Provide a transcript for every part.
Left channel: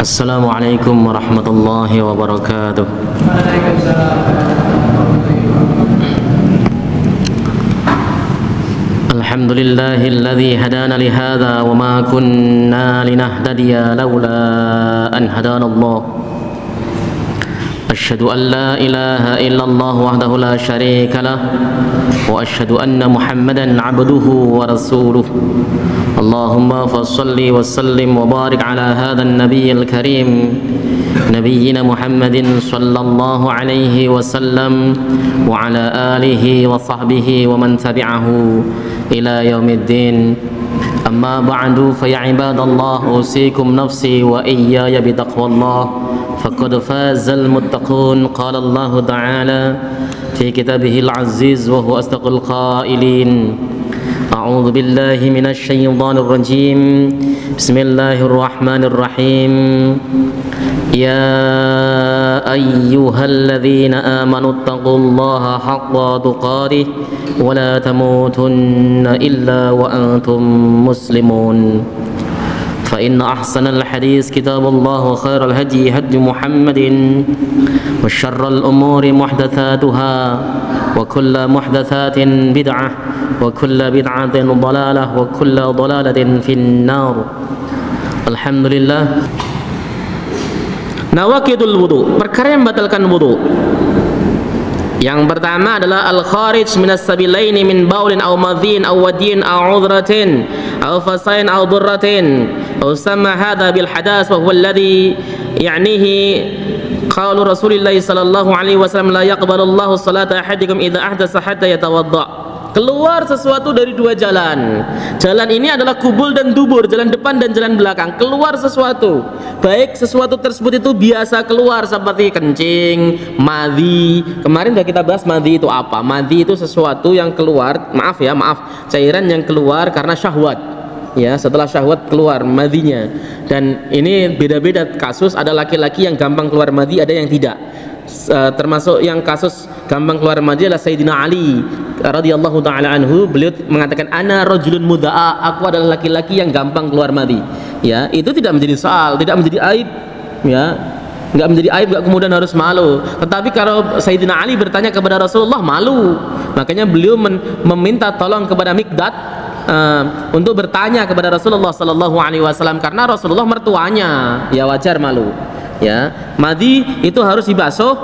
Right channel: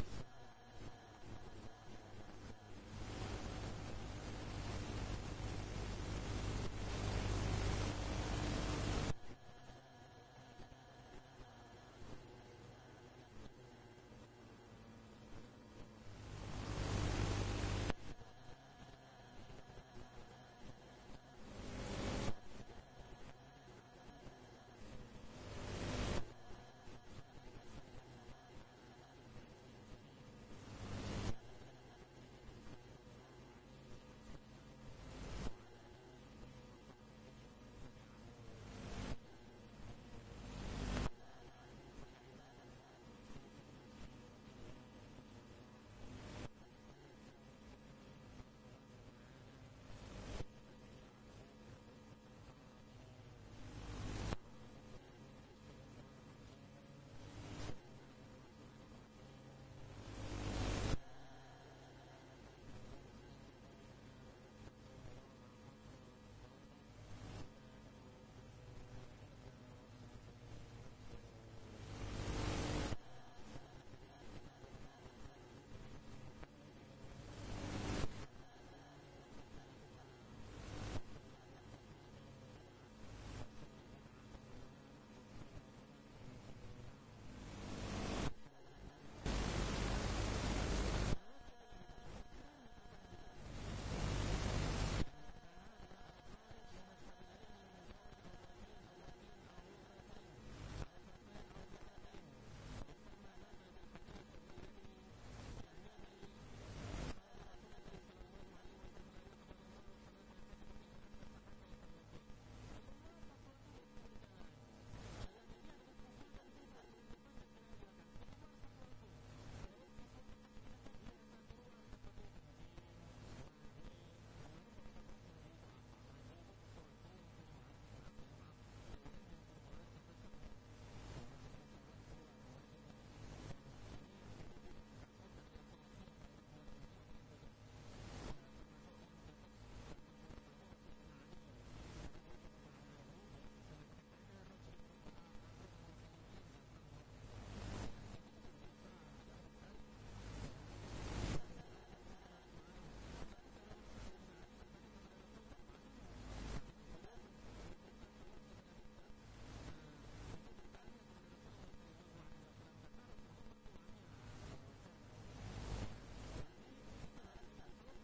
Assalamualaikum warahmatullahi wabarakatuh. Alhamdulillahilladzi hadana lihadza wa ma kunna linahtadiya laula an hadana Allah. Asyhadu an la ilaha illallah wahdahu la syarika lah wa asyhadu anna Muhammadan abduhu wa rasuluh. Allahumma fassalli wa sallim wa barik ala hadzal nabiyil karim nabiyyina Muhammadin sallallahu alaihi wasallam wa ala alihi wa sahbihi wa man tabi'ahu ila yaumiddin. Amma ba'du fa ya ibadallah usikum nafsi wa iyaya bi taqwallah faqad fazal muttaqun. Qala Allah ta'ala fi kitabihil aziz wa huwa asdaqul qailin. A'udzu billahi minasy syaithanir rajim. Bismillahirrahmanirrahim. Ya ayyuhalladzina amanu taqullaha haqqa tuqatih wa la tamutunna illa wa antum muslimun. Fa inna ahsanal hadis kitabullah wa khairal hadi hadi Muhammadin wa syarral umuri muhdatsatuha wa kullu muhdatsatin bid'ah wa kullu bid'atin dhalalah wa kullu dhalalatin finnar. Alhamdulillah. Nawaqidul wudu, perkara yang membatalkan wudu. Yang pertama adalah al-kharij minas sabilaini min baulin aw madhin aw wadin aw udratin aw fasain aw durratin aw sama hadha bil hadas wa huwa alladhi ya'nihi qalu Rasulillah sallallahu alaihi wasallam la yaqbalu Allahu salata ahadikum idza ahdasa hatta yatawadda. Keluar sesuatu dari dua jalan. Jalan ini adalah kubul dan dubur, jalan depan dan jalan belakang. Keluar sesuatu, baik sesuatu tersebut itu biasa keluar seperti kencing, madhi. Kemarin sudah kita bahas madhi itu apa. Madhi itu sesuatu yang keluar, cairan yang keluar karena syahwat. Ya, setelah syahwat keluar madhinya. Dan ini beda-beda kasus, ada laki-laki yang gampang keluar madhi, ada yang tidak. Termasuk yang kasus gampang keluar madhi adalah Sayyidina Ali radhiyallahu taala anhu. Beliau mengatakan ana rajulun mudaa, aku adalah laki-laki yang gampang keluar madhi. Ya, itu tidak menjadi soal, tidak menjadi aib, ya. Enggak menjadi aib, enggak kemudian harus malu. Tetapi kalau Sayyidina Ali bertanya kepada Rasulullah, malu. Makanya beliau meminta tolong kepada Miqdad untuk bertanya kepada Rasulullah sallallahu alaihi wasallam karena Rasulullah mertuanya, ya wajar malu. Ya, madhi itu harus dibasuh,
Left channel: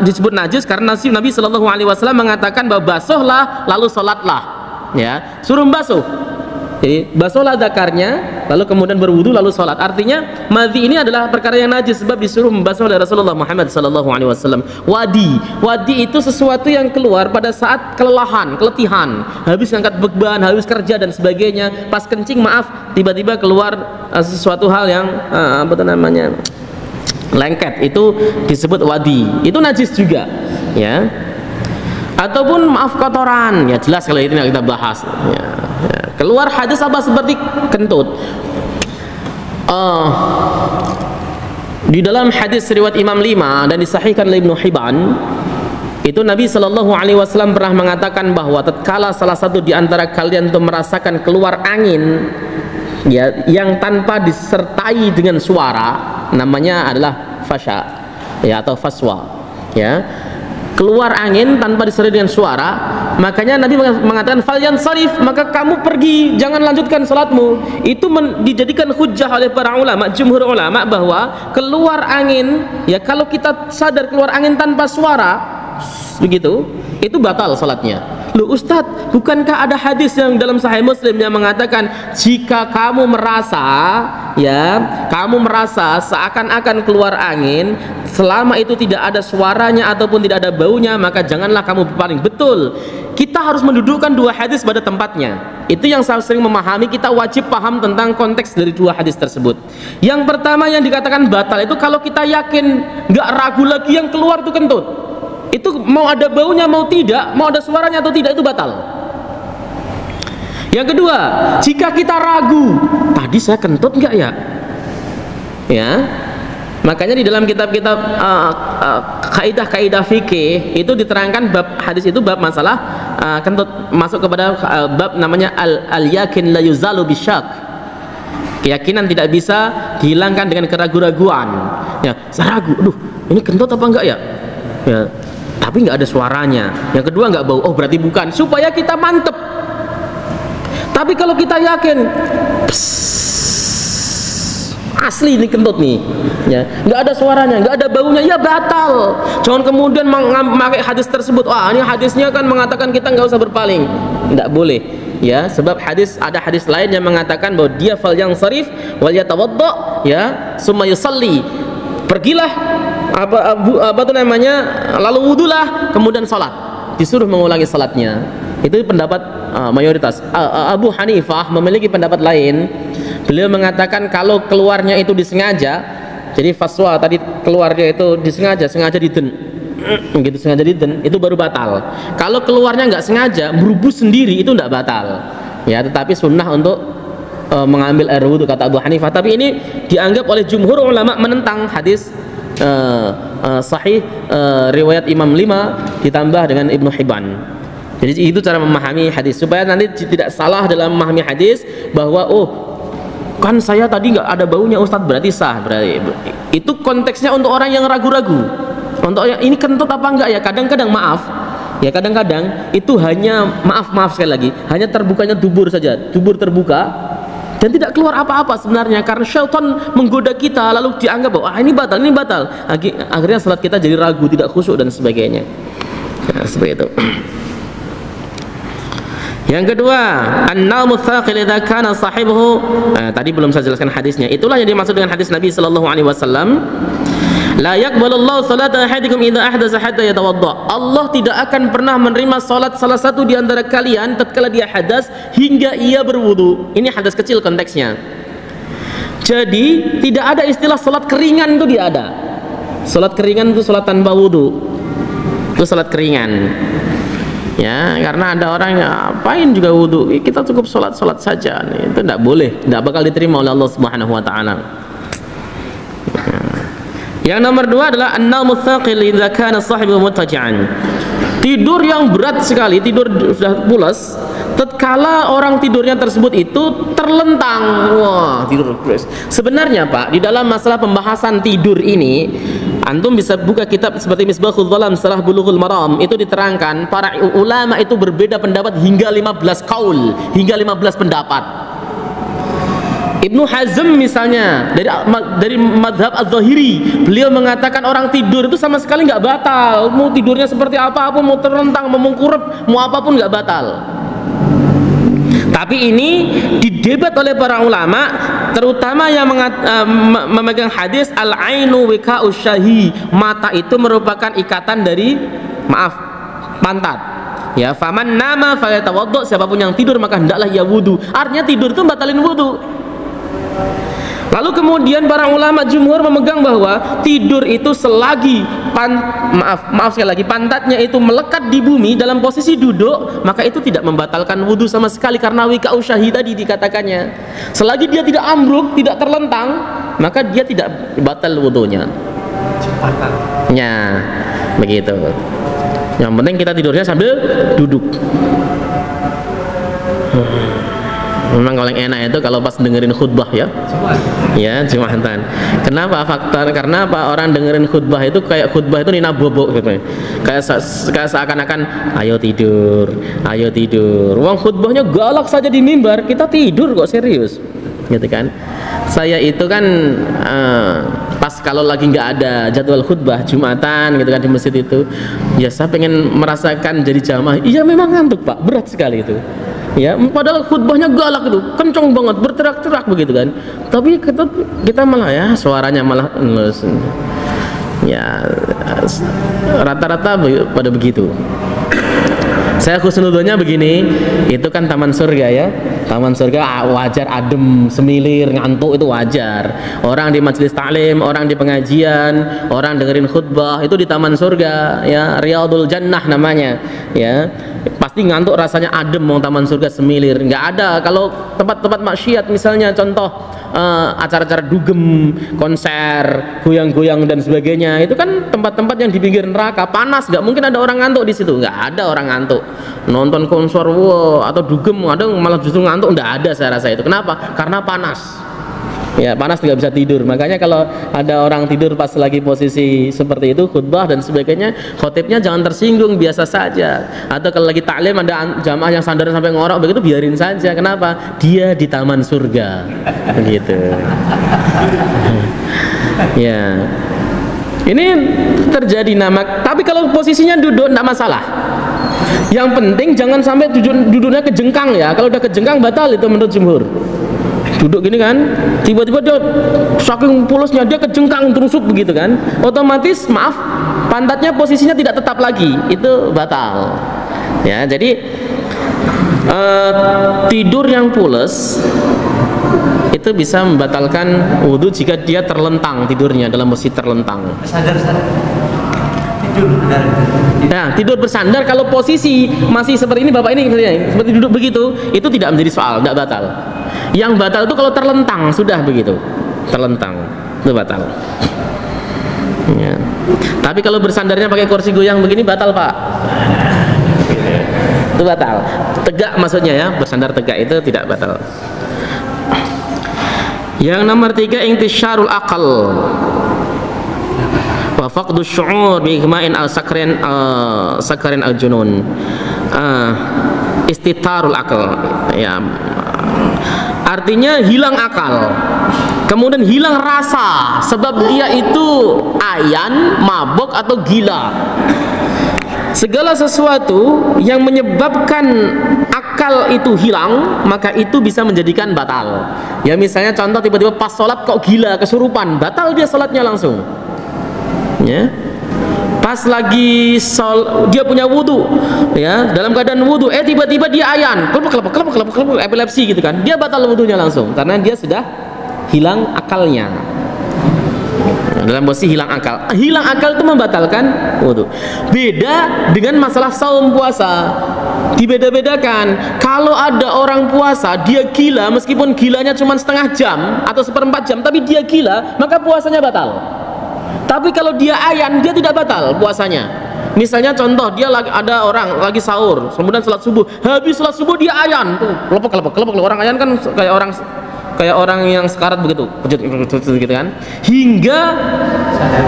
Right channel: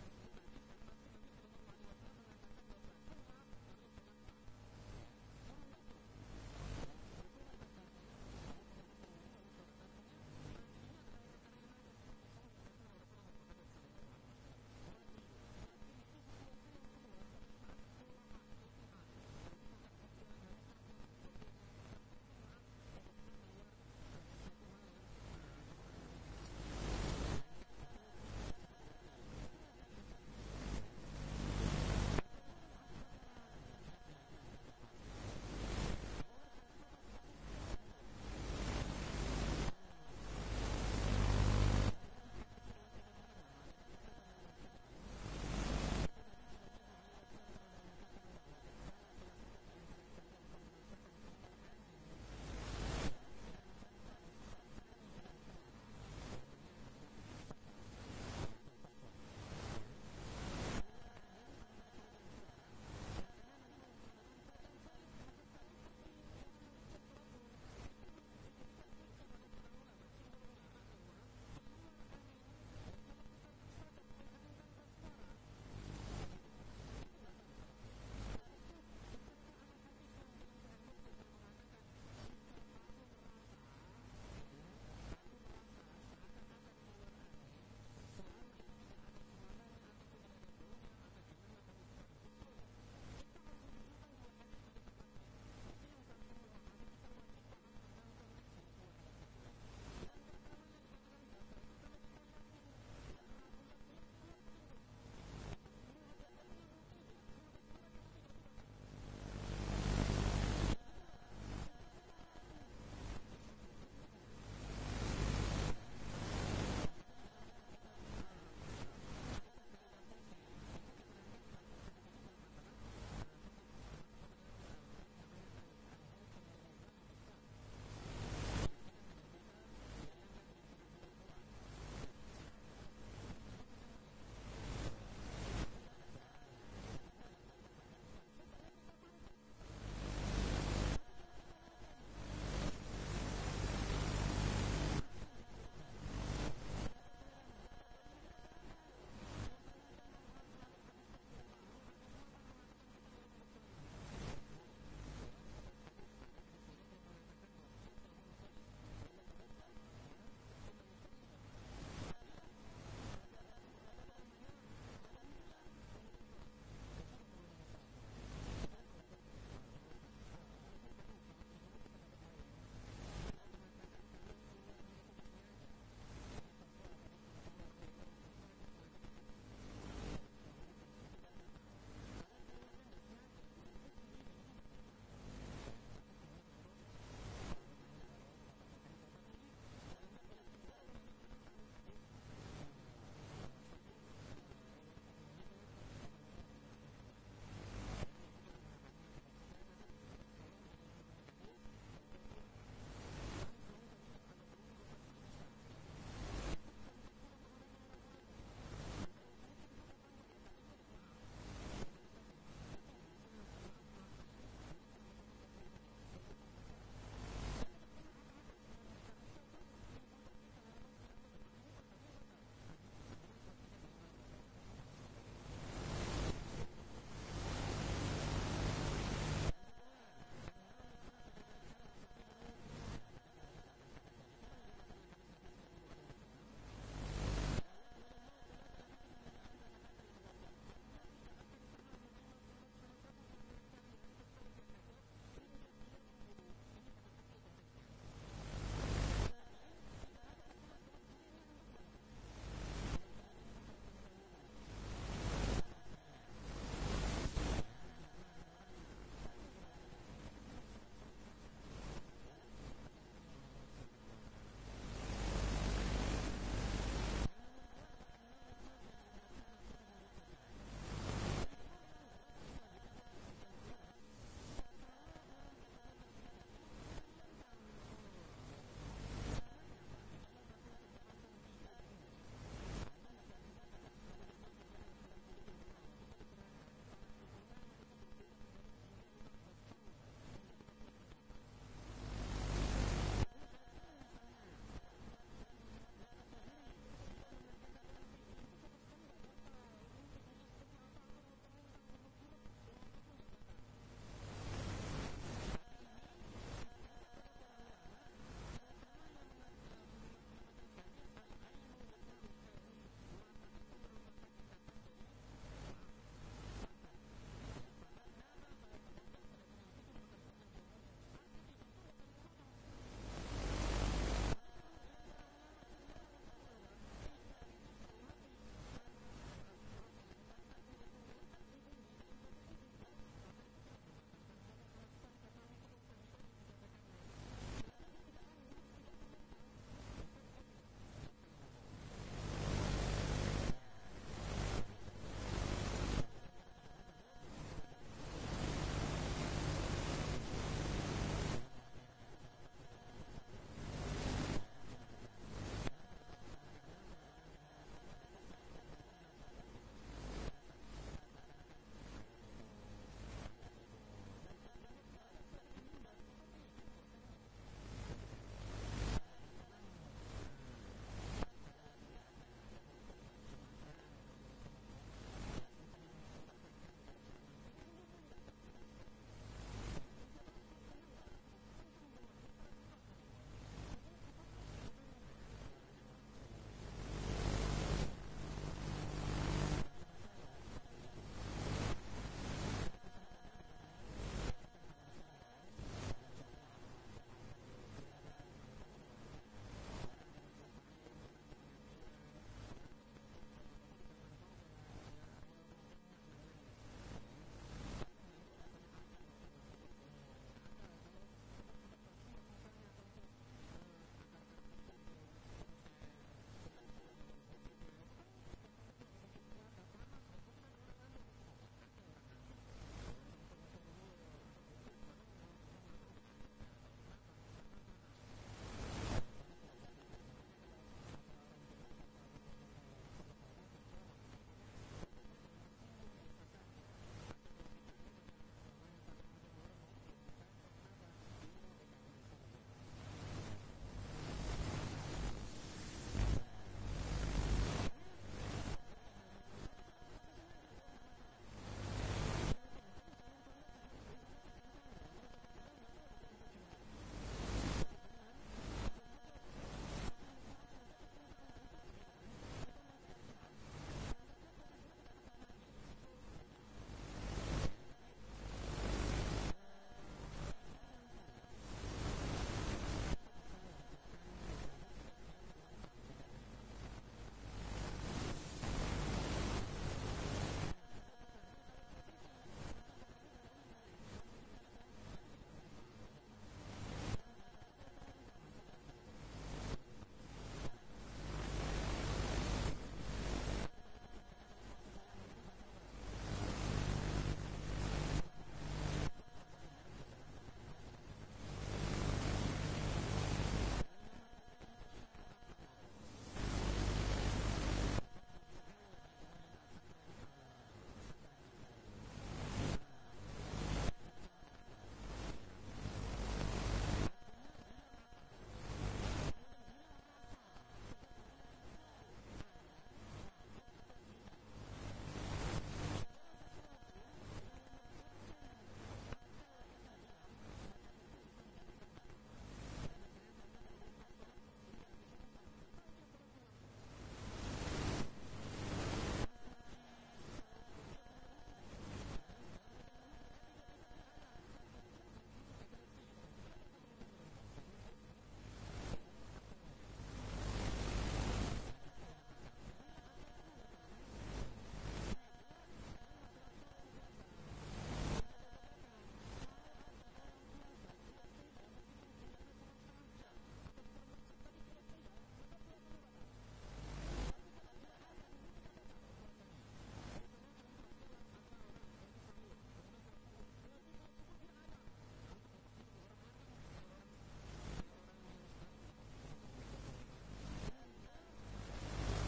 disebut najis karena Nabi sallallahu alaihi wasallam mengatakan bahwa basuhlah lalu salatlah. Ya, suruh basuh. Jadi basuhlah zakarnya lalu kemudian berwudu lalu salat. Artinya madhi ini adalah perkara yang najis sebab disuruh membasuh oleh Rasulullah Muhammad sallallahu alaihi wasallam. Wadi itu sesuatu yang keluar pada saat kelelahan, keletihan, habis angkat beban, habis kerja dan sebagainya. Pas kencing tiba-tiba keluar sesuatu hal yang lengket, itu disebut wadi. Itu najis juga, ya. Ataupun kotoran, ya jelas kalau itu yang kita bahas. Ya. Keluar hadis apa seperti kentut. Di dalam hadis riwayat Imam 5 dan disahihkan oleh Ibnu Hibban, itu Nabi sallallahu alaihi wasallam pernah mengatakan bahwa tatkala salah satu di antara kalian itu merasakan keluar angin, ya, yang tanpa disertai dengan suara, namanya adalah fasya, ya, atau faswa, ya, keluar angin tanpa disertai dengan suara. Makanya Nabi mengatakan falyansarif, maka kamu pergi, jangan lanjutkan salatmu. Itu dijadikan hujjah oleh para ulama, jumhur ulama, bahwa keluar angin, ya, kalau kita sadar keluar angin tanpa suara begitu, itu batal salatnya. Loh Ustadz, bukankah ada hadis yang dalam Sahih Muslim yang mengatakan jika kamu merasa, ya, kamu merasa seakan-akan keluar angin, selama itu tidak ada suaranya ataupun tidak ada baunya, maka janganlah kamu berpaling. Betul, kita harus mendudukkan dua hadis pada tempatnya. Itu yang saya sering memahami, kita wajib paham tentang konteks dari dua hadis tersebut. Yang pertama yang dikatakan batal itu kalau kita yakin, nggak ragu lagi yang keluar itu kentut. Itu mau ada baunya mau tidak, mau ada suaranya atau tidak, itu batal. Yang kedua, jika kita ragu, tadi saya kentut enggak ya? Ya, makanya di dalam kitab-kitab kaidah-kaidah fikih itu diterangkan bab hadis itu, bab masalah kentut, masuk kepada bab namanya al-yakin la yuzalu bisyak. Keyakinan tidak bisa dihilangkan dengan keraguan-raguan. Ya, saya ragu, aduh, ini kentut apa enggak ya? Ya, tapi nggak ada suaranya. Yang kedua nggak bau, oh berarti bukan. Supaya kita mantep. Tapi kalau kita yakin, asli ini kentut nih, ya, nggak ada suaranya, nggak ada baunya, ya batal. Jangan kemudian memakai hadis tersebut. Wah, ini hadisnya kan mengatakan kita nggak usah berpaling. Nggak boleh, ya, sebab ada hadis lain yang mengatakan bahwa dia fal yang sarif wal yatawadda, ya, summa yusalli. Pergilah apa tuh namanya, lalu wudulah, kemudian salat. Disuruh mengulangi salatnya. Itu pendapat mayoritas. Abu Hanifah memiliki pendapat lain. Beliau mengatakan kalau keluarnya itu disengaja, jadi faswa tadi keluarnya itu sengaja diden, begitu sengaja diden, itu baru batal. Kalau keluarnya nggak sengaja, berubus sendiri, itu nggak batal. Ya, tetapi sunnah untuk mengambil air wudhu kata Abu Hanifah. Tapi ini dianggap oleh jumhur ulama menentang hadis sahih riwayat Imam 5 ditambah dengan Ibnu Hibban. Jadi itu cara memahami hadis supaya nanti tidak salah dalam memahami hadis bahwa oh kan saya tadi nggak ada baunya Ustadz, berarti sah. Berarti itu konteksnya untuk orang yang ragu-ragu, untuk yang ini kentut apa enggak ya. Kadang-kadang maaf ya, kadang-kadang itu hanya maaf sekali lagi, hanya terbukanya dubur saja, dubur terbuka dan tidak keluar apa-apa sebenarnya, karena syaitan menggoda kita lalu dianggap bahwa ini batal. Akhirnya salat kita jadi ragu, tidak khusyuk dan sebagainya. Nah, seperti itu. Yang kedua, an-naumu tsaqil idza kana sahibuhu. Tadi belum saya jelaskan hadisnya. Itulah yang dimaksud dengan hadis Nabi sallallahu alaihi wasallam. La yaqbalullahu salata ahadikum idza ahdatsa hatta yatawadda. Allah tidak akan pernah menerima salat salah satu di antara kalian tatkala dia hadas hingga ia berwudu. Ini hadas kecil konteksnya. Jadi tidak ada istilah salat keringan, itu tidak ada. Salat keringan itu salat tanpa wudu. Itu salat keringan. Ya, karena ada orang yang apain juga wudu, kita cukup sholat saja. Itu tidak boleh, tidak bakal diterima oleh Allah Subhanahu Wa Taala. Yang nomor dua adalah an-naumu tsaqil idza kana sahibu muttaji'an. Tidur yang berat sekali, tidur sudah pulas, tatkala orang tidurnya tersebut itu terlentang. Wah, tidur keras. Sebenarnya Pak, di dalam masalah pembahasan tidur ini, antum bisa buka kitab seperti Misbahul Dhalam Sarah Bulughul Maram, itu diterangkan para ulama itu berbeda pendapat hingga 15 kaul, hingga 15 pendapat. Ibnu Hazm misalnya dari madhab Az-Zahiri, beliau mengatakan orang tidur itu sama sekali nggak batal, mau tidurnya seperti apapun, mau terlentang, mau mengkurep, mau apapun nggak batal. Tapi ini didebat oleh para ulama, terutama yang memegang hadis al-ainu wika'us syahi, mata itu merupakan ikatan dari pantat. Ya, faman nama falyatawaddo, siapapun yang tidur maka hendaklah ia wudu. Artinya tidur itu batalin wudu. Lalu kemudian para ulama jumhur memegang bahwa tidur itu selagi maaf sekali lagi, pantatnya itu melekat di bumi dalam posisi duduk, maka itu tidak membatalkan wudhu sama sekali, karena wika'u syahi tadi dikatakannya. Selagi dia tidak ambruk, tidak terlentang, maka dia tidak batal wudhunya. Ya, begitu. Yang penting kita tidurnya sambil duduk. Memang paling enak itu kalau pas dengerin khutbah ya. Ya, Jumatan. Kenapa faktor? Karena apa? Orang dengerin khutbah itu kayak khutbah itu nina bobok gitu. Kayak seakan-akan ayo tidur. Wong khutbahnya galak saja di mimbar, kita tidur kok, serius. Gitu kan. Saya itu kan pas kalau lagi nggak ada jadwal khutbah Jumatan gitu kan di masjid itu, ya saya pengen merasakan jadi jamaah. Iya memang ngantuk Pak, berat sekali itu. Ya, padahal khutbahnya galak itu, kencang banget, berterak-terak begitu kan. Tapi kita malah ya suaranya malah ya rata-rata pada begitu. Saya khusnudzonnya begini, itu kan taman surga ya. Taman surga wajar adem, semilir, ngantuk itu wajar. Orang di majelis taklim, orang di pengajian, orang dengerin khutbah itu di taman surga ya, Riyadul Jannah namanya ya. Pasti ngantuk, rasanya adem, mau taman surga semilir. Nggak ada kalau tempat-tempat maksiat misalnya, contoh acara-acara dugem, konser, goyang-goyang dan sebagainya, itu kan tempat-tempat yang di pinggir neraka, panas, nggak mungkin ada orang ngantuk di situ, nggak ada orang ngantuk. Nonton konser atau dugem, ada malah justru ngantuk, nggak ada saya rasa itu. Kenapa? Karena panas. Ya, panas tidak bisa tidur. Makanya kalau ada orang tidur pas lagi posisi seperti itu, khutbah dan sebagainya, khotibnya jangan tersinggung, biasa saja. Atau kalau lagi taklim ada jamaah yang sandar sampai ngorok begitu, biarin saja. Kenapa? Dia di taman surga. Begitu. Ya. Ini terjadi nama. Tapi kalau posisinya duduk tidak masalah. Yang penting jangan sampai duduknya kejengkang ya. Kalau udah kejengkang batal itu menurut jumhur. Duduk gini kan, tiba-tiba dia saking pulusnya dia kejengkang terusuk begitu kan, otomatis maaf pantatnya posisinya tidak tetap lagi, itu batal. Ya, jadi tidur yang pules itu bisa membatalkan wudhu jika dia terlentang tidurnya dalam posisi terlentang. Tidur bersandar kalau posisi masih seperti ini bapak ini seperti duduk begitu, itu tidak menjadi soal, tidak batal. Yang batal itu kalau terlentang, sudah begitu terlentang itu batal ya. Tapi kalau bersandarnya pakai kursi goyang begini batal pak, itu batal. Tegak maksudnya ya, bersandar tegak itu tidak batal. Yang nomor 3, intisyarul aqal wa faqdu syu'ur bi igma'in al-sakrin al-junun. Istitarul aqal ya, artinya hilang akal, kemudian hilang rasa, sebab dia itu ayan, mabuk atau gila. Segala sesuatu yang menyebabkan akal itu hilang, maka itu bisa menjadikan batal. Ya misalnya contoh tiba-tiba pas sholat kok gila, kesurupan, batal dia sholatnya langsung. Ya. Pas lagi dia punya wudhu, ya dalam keadaan wudhu, tiba-tiba dia ayan, kelep, epilepsi gitu kan, dia batal wudhunya langsung karena dia sudah hilang akalnya. Dalam posisi hilang akal, itu membatalkan wudhu. Beda dengan masalah saum puasa, dibeda-bedakan. Kalau ada orang puasa dia gila, meskipun gilanya cuma setengah jam atau seperempat jam, tapi dia gila, maka puasanya batal. Tapi kalau dia ayan, dia tidak batal puasanya. Misalnya contoh, dia ada orang lagi sahur, kemudian sholat subuh, habis sholat subuh dia ayan, tuh kelepek. Orang ayan kan kayak orang yang sekarat begitu, gitu kan. Hingga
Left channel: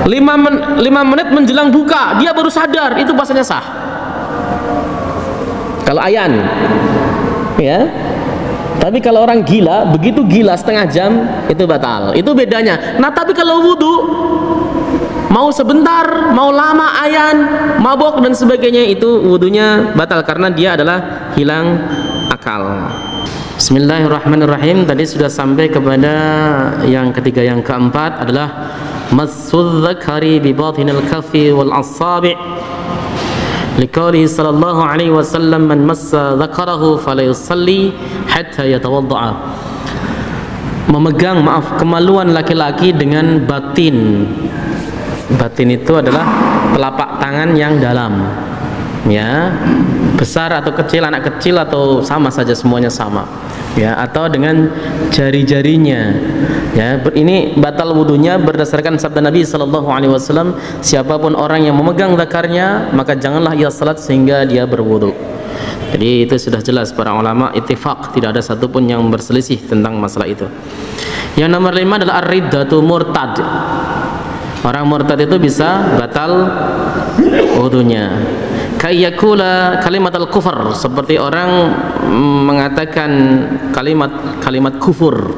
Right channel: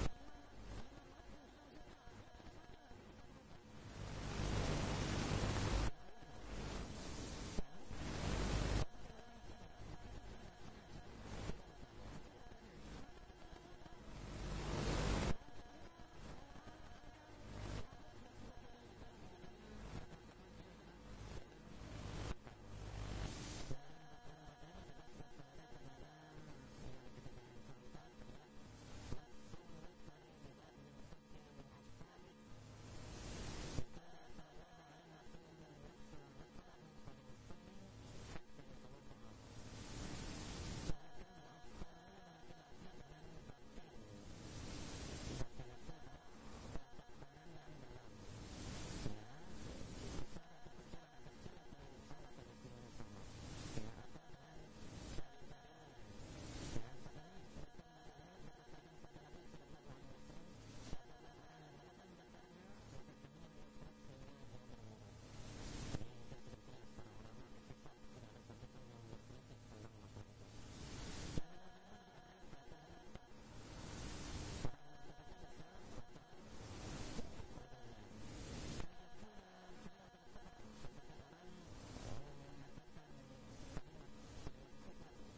5 menit menjelang buka, dia baru sadar, itu puasanya sah. Kalau ayan, ya. Tapi kalau orang gila, begitu gila setengah jam, itu batal. Itu bedanya. Nah, tapi kalau wudhu, mau sebentar, mau lama ayan, mabok dan sebagainya, itu wudhunya batal karena dia adalah hilang akal. Bismillahirrahmanirrahim. Tadi sudah sampai kepada yang ketiga. Yang keempat adalah massudz dzakari bi batinil kaffi wal asabi'. Liqaulihi sallallahu alaihi wasallam man massa dzakarahu fala yusalli hatta yatawadda'a. Memegang kemaluan laki-laki dengan batin. Batin itu adalah telapak tangan yang dalam, ya, besar atau kecil, anak kecil atau sama saja, semuanya sama, ya, atau dengan jari-jarinya, ya. Ini batal wudunya berdasarkan sabda Nabi sallallahu alaihi wasallam, siapapun orang yang memegang zakarnya maka janganlah ia salat sehingga dia berwudu. Jadi itu sudah jelas, para ulama ittifaq, tidak ada satupun yang berselisih tentang masalah itu. Yang nomor 5 adalah ar-riddatu murtad. Orang murtad itu bisa batal wudunya. Kayyakula kalimat al-kufur, seperti orang mengatakan kalimat kufur.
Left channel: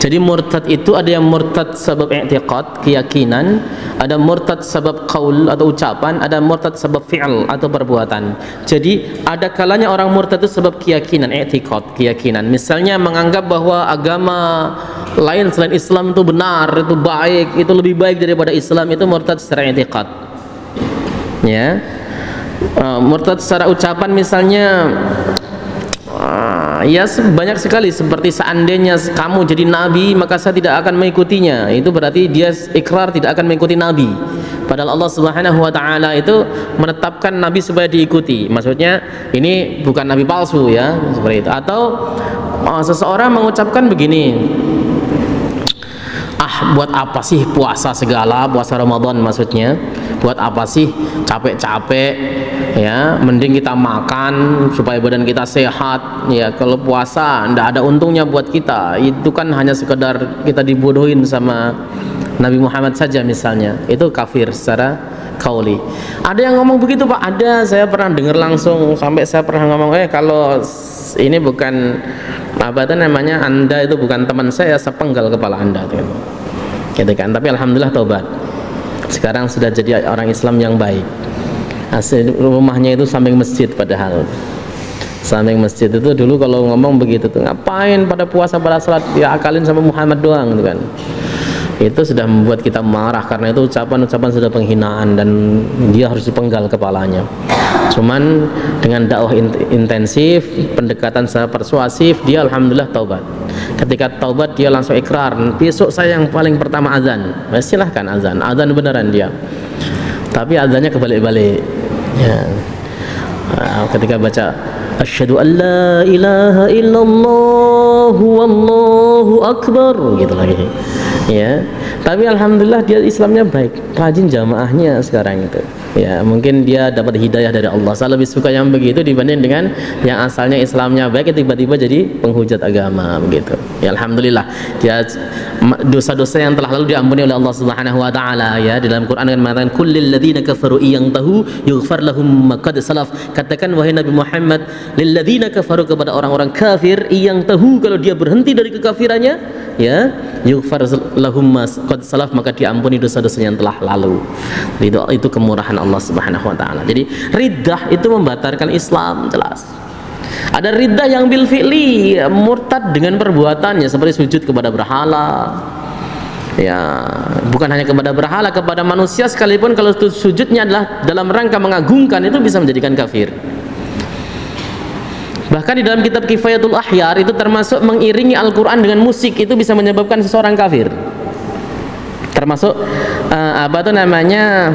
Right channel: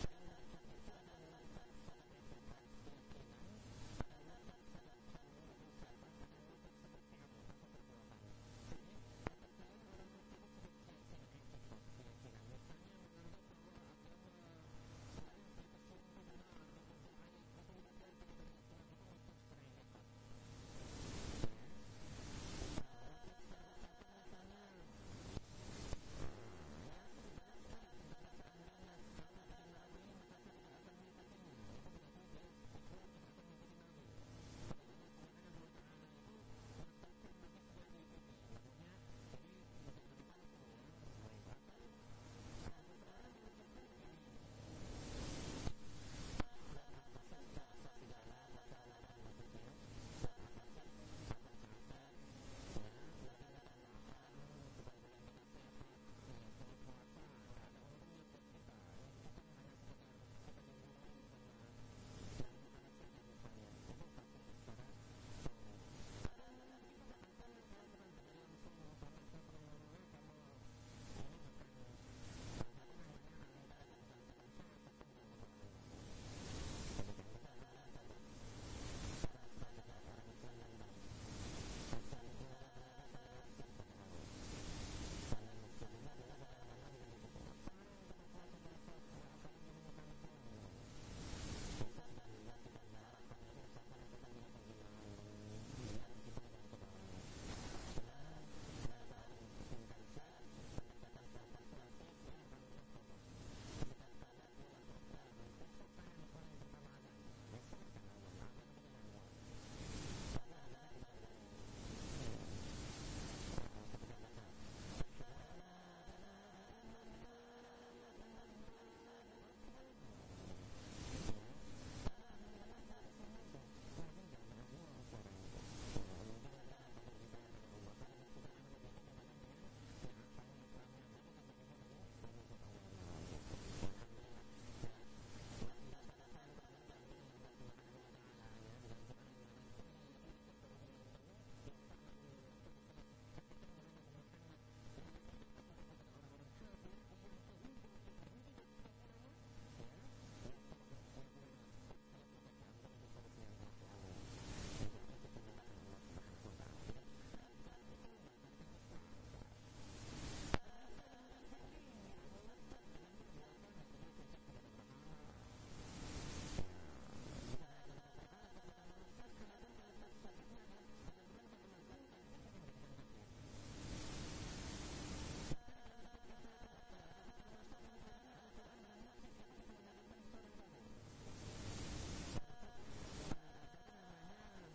Jadi murtad itu ada yang murtad sebab i'tiqad, keyakinan, ada murtad sebab qaul atau ucapan, ada murtad sebab fi'al atau perbuatan. Jadi ada kalanya orang murtad itu sebab keyakinan, i'tiqad, keyakinan. Misalnya menganggap bahwa agama lain selain Islam itu benar, itu baik, itu lebih baik daripada Islam, itu murtad secara i'tiqad. Ya. Murtad secara ucapan misalnya ya banyak sekali, seperti seandainya kamu jadi nabi maka saya tidak akan mengikutinya. Itu berarti dia ikrar tidak akan mengikuti nabi, padahal Allah Subhanahu wa taala itu menetapkan nabi supaya diikuti. Maksudnya ini bukan nabi palsu, ya, seperti itu. Atau seseorang mengucapkan begini, buat apa sih puasa segala, puasa Ramadan maksudnya, buat apa sih capek-capek ya, mending kita makan supaya badan kita sehat ya. Kalau puasa ndak ada untungnya buat kita, itu kan hanya sekedar kita dibodohin sama Nabi Muhammad saja misalnya, itu kafir secara kauli. Ada yang ngomong begitu Pak, ada, saya pernah dengar langsung, sampai saya pernah ngomong, kalau ini bukan apa itu namanya, Anda itu bukan teman saya penggal kepala Anda gitu kan. Tapi alhamdulillah taubat, sekarang sudah jadi orang Islam yang baik. Asli rumahnya itu samping masjid, padahal samping masjid itu dulu kalau ngomong begitu tuh, ngapain pada puasa pada salat, ya akalin sama Muhammad doang gitu kan. Itu sudah membuat kita marah, karena itu ucapan-ucapan sudah penghinaan dan dia harus dipenggal kepalanya. Cuman dengan dakwah intensif, pendekatan secara persuasif, dia alhamdulillah taubat. Ketika taubat dia langsung ikrar, besok saya yang paling pertama azan. Silahkan azan beneran dia. Tapi azannya kebalik-balik ya. Ketika baca asyhadu an la ilaha illallah wallahu akbar gitu lagi ya. Tapi alhamdulillah dia Islamnya baik, rajin jamaahnya sekarang itu ya. Mungkin dia dapat hidayah dari Allah. Saya lebih suka yang begitu dibanding dengan yang asalnya Islamnya baik tiba-tiba jadi penghujat agama begitu ya. Alhamdulillah dia dosa-dosa yang telah lalu diampuni oleh Allah Subhanahu wa taala ya. Di dalam Quran mengatakan kullil ladzina kafaru iyantahu yughfar lahum ma qad salaf. Katakan wahai Nabi Muhammad, lil ladzina kafaru, kepada orang-orang kafir, iyantahu, kalau dia berhenti dari kekafirannya ya, yughfar lahum ma qad salaf, maka diampuni dosa-dosanya yang telah lalu. Itu kemurahan Allah Subhanahu wa taala. Jadi riddah itu membatalkan Islam jelas. Ada riddah yang bil fi'li, murtad dengan perbuatannya, seperti sujud kepada berhala. Ya, bukan hanya kepada berhala, kepada manusia sekalipun kalau sujudnya adalah dalam rangka mengagungkan, itu bisa menjadikan kafir. Bahkan di dalam kitab Kifayatul Ahyar itu termasuk mengiringi Al-Qur'an dengan musik, itu bisa menyebabkan seseorang kafir. Termasuk apa itu namanya,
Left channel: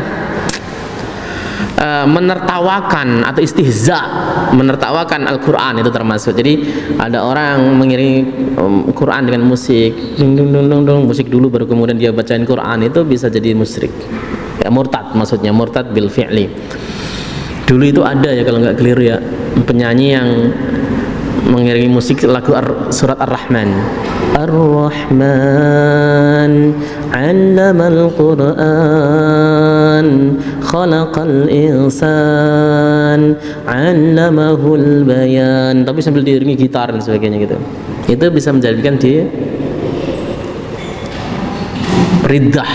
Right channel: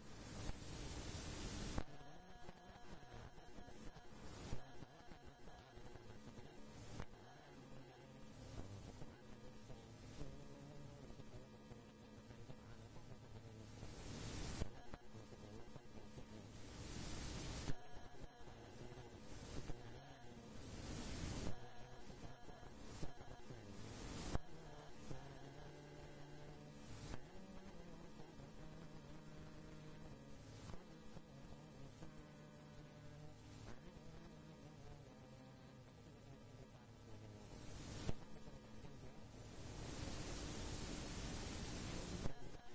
menertawakan atau istihza, menertawakan Al-Quran, itu termasuk. Jadi ada orang mengiringi Quran dengan musik, musik dulu baru kemudian dia bacain Quran, itu bisa jadi musyrik ya, murtad, maksudnya murtad bil fi'li. Dulu itu ada ya, kalau nggak keliru ya, penyanyi yang mengiringi musik lagu surat Ar-Rahman. Ar-Rahman 'allamal Qur'an khalaqal insan 'allamahul bayan, tapi sambil diiringi gitar dan sebagainya gitu. Itu bisa menjadikan dia riddah.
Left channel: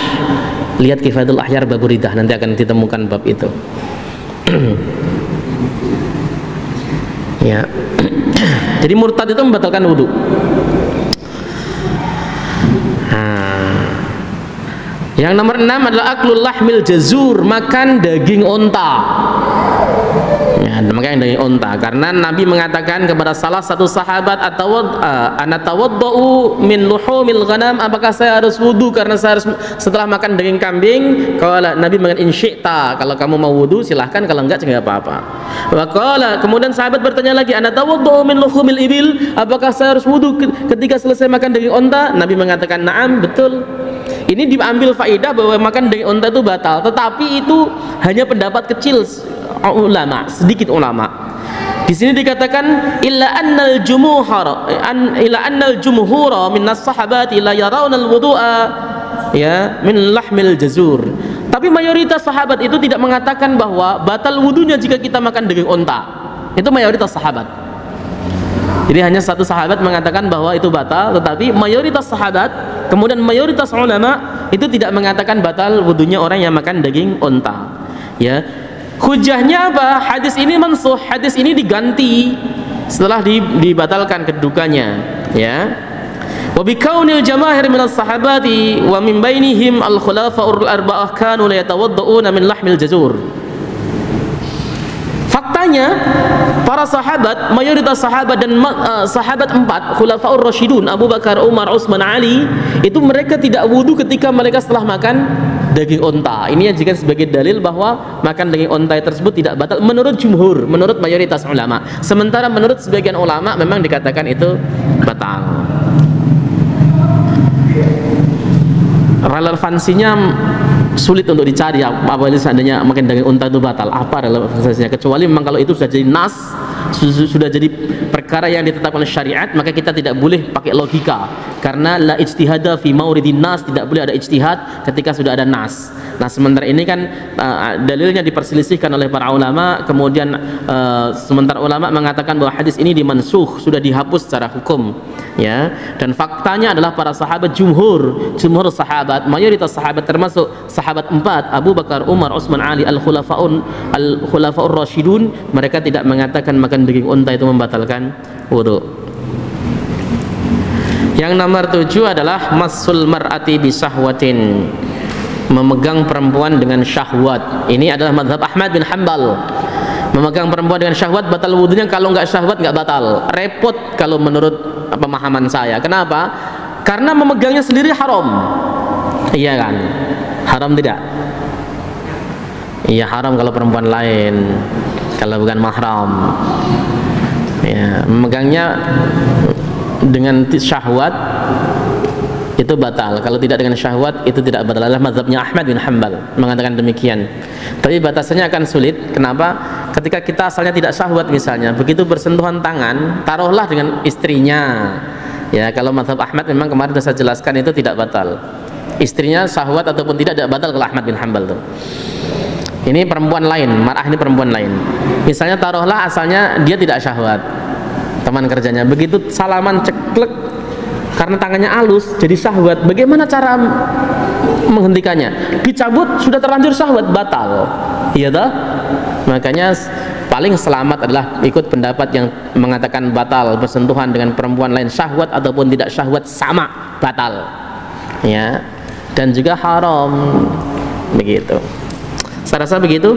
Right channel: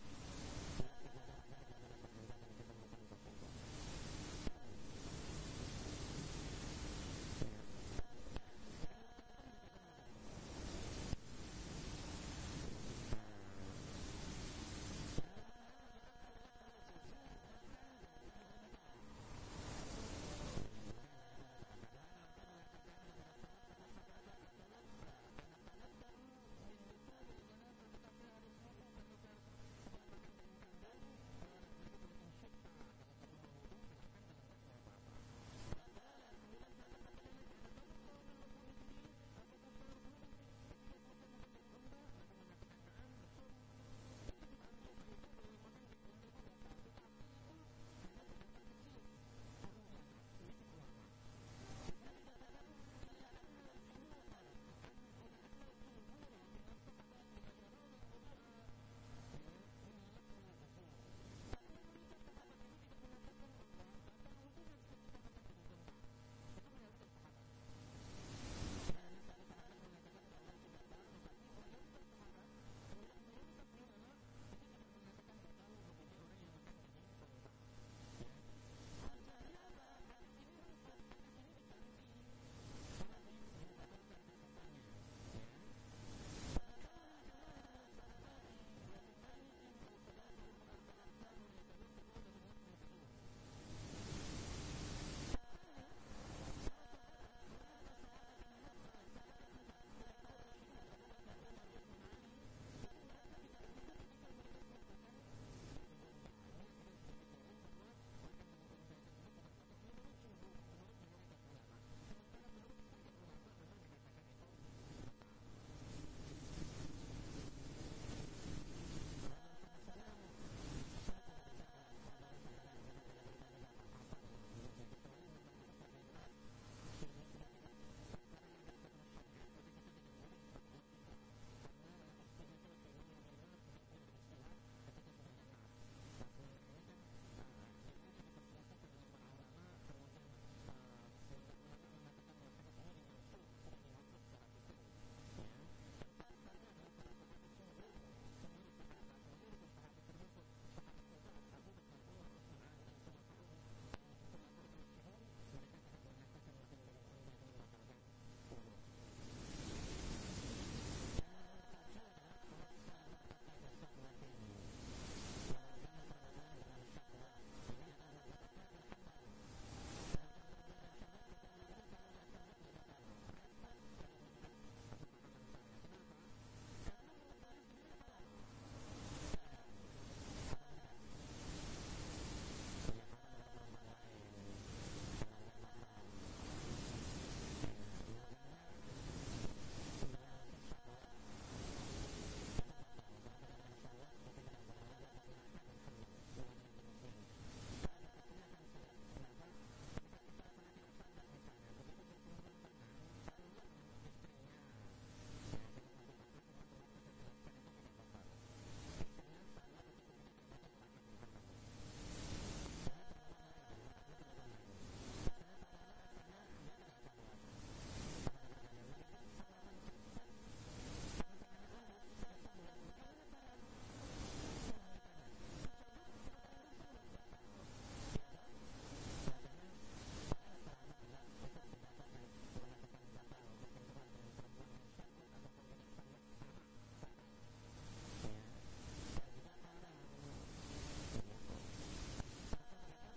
Lihat Kifayatul Ahyar bab riddah, nanti akan ditemukan bab itu. Ya. Jadi murtad itu membatalkan wudu. Yang nomor 6 adalah aklul lahmil jazur, makan daging onta. Ya, makan daging onta, karena Nabi mengatakan kepada salah satu sahabat, anatawaddau min luhumil ghanam, apakah saya harus wudu karena saya harus setelah makan daging kambing? Kalau Nabi mengatakan insyi'ta, kalau kamu mau wudu silahkan, kalau enggak tidak apa-apa. Wa kemudian sahabat bertanya lagi, anatawaddau min luhumil ibil, apakah saya harus wudu ketika selesai makan daging onta? Nabi mengatakan na'am, betul. Ini diambil faidah bahwa makan daging unta itu batal, tetapi itu hanya pendapat kecil ulama, sedikit ulama. Di sini dikatakan illa annal jumhura minas sahabati la yarawna al-wudu'a ya min lahmil jazur. Tapi mayoritas sahabat itu tidak mengatakan bahwa batal wudunya jika kita makan daging unta. Itu mayoritas sahabat. Jadi hanya satu sahabat mengatakan bahwa itu batal, tetapi mayoritas sahabat, kemudian mayoritas ulama itu tidak mengatakan batal wudunya orang yang makan daging unta. Ya, hujahnya apa? Hadis ini mansuh, hadis ini diganti setelah dibatalkan kedudukannya. Ya, wa bikaunil jamaahir minas sahabati wa min bainihim al khulafa'ur arba'ah kanu la yatawadda'una min lahmil jazur. Faktanya para sahabat, mayoritas sahabat dan sahabat 4 khulafaur rasyidun, Abu Bakar, Umar, Utsman, Ali, itu mereka tidak wudu ketika mereka setelah makan daging unta. Ini yang dijadikan sebagai dalil bahwa makan daging unta tersebut tidak batal menurut jumhur, menurut mayoritas ulama. Sementara menurut sebagian ulama memang dikatakan itu batal. relevansinya sulit untuk dicari apabila seandainya makan daging unta itu batal. Apa relevansinya? Kecuali memang kalau itu sudah jadi nas, sudah jadi perkara yang ditetapkan oleh syariat, maka kita tidak boleh pakai logika, karena la ijtihada fi mauridin nas, tidak boleh ada ijtihad ketika sudah ada nas. Nah, sementara ini kan dalilnya diperselisihkan oleh para ulama, kemudian sementara ulama mengatakan bahwa hadis ini dimansukh, sudah dihapus secara hukum, ya. Dan faktanya adalah para sahabat, jumhur sahabat, mayoritas sahabat termasuk sahabat 4, Abu Bakar, Umar, Utsman, Ali, al-khulafaur rasyidun, mereka tidak mengatakan makan daging unta itu membatalkan wudu. Yang nomor 7 adalah masul mar'ati bisahwatin, memegang perempuan dengan syahwat. Ini adalah mazhab Ahmad bin Hanbal. Memegang perempuan dengan syahwat batal wudunya, kalau nggak syahwat nggak batal. Repot kalau menurut pemahaman saya. Kenapa? Karena memegangnya sendiri haram. Iya kan? Haram tidak? Iya, haram kalau perempuan lain, kalau bukan mahram. Ya, memegangnya dengan syahwat itu batal. Kalau tidak dengan syahwat itu tidak batal. Adalah mazhabnya Ahmad bin Hanbal mengatakan demikian. Tapi batasannya akan sulit. Kenapa? Ketika kita asalnya tidak syahwat misalnya, begitu bersentuhan tangan, taruhlah dengan istrinya. Ya, kalau mazhab Ahmad memang kemarin sudah saya jelaskan itu tidak batal. Istrinya syahwat ataupun tidak batal kalau Ahmad bin Hanbal tuh. Ini perempuan lain, mar'ah ini perempuan lain. Misalnya taruhlah asalnya dia tidak syahwat, teman kerjanya, begitu salaman ceklek, karena tangannya halus jadi syahwat. Bagaimana cara menghentikannya? Dicabut, sudah terlanjur syahwat, batal. Iya toh? Makanya paling selamat adalah ikut pendapat yang mengatakan batal bersentuhan dengan perempuan lain, syahwat ataupun tidak syahwat sama batal. Ya. Dan juga haram. Begitu. Saya rasa begitu.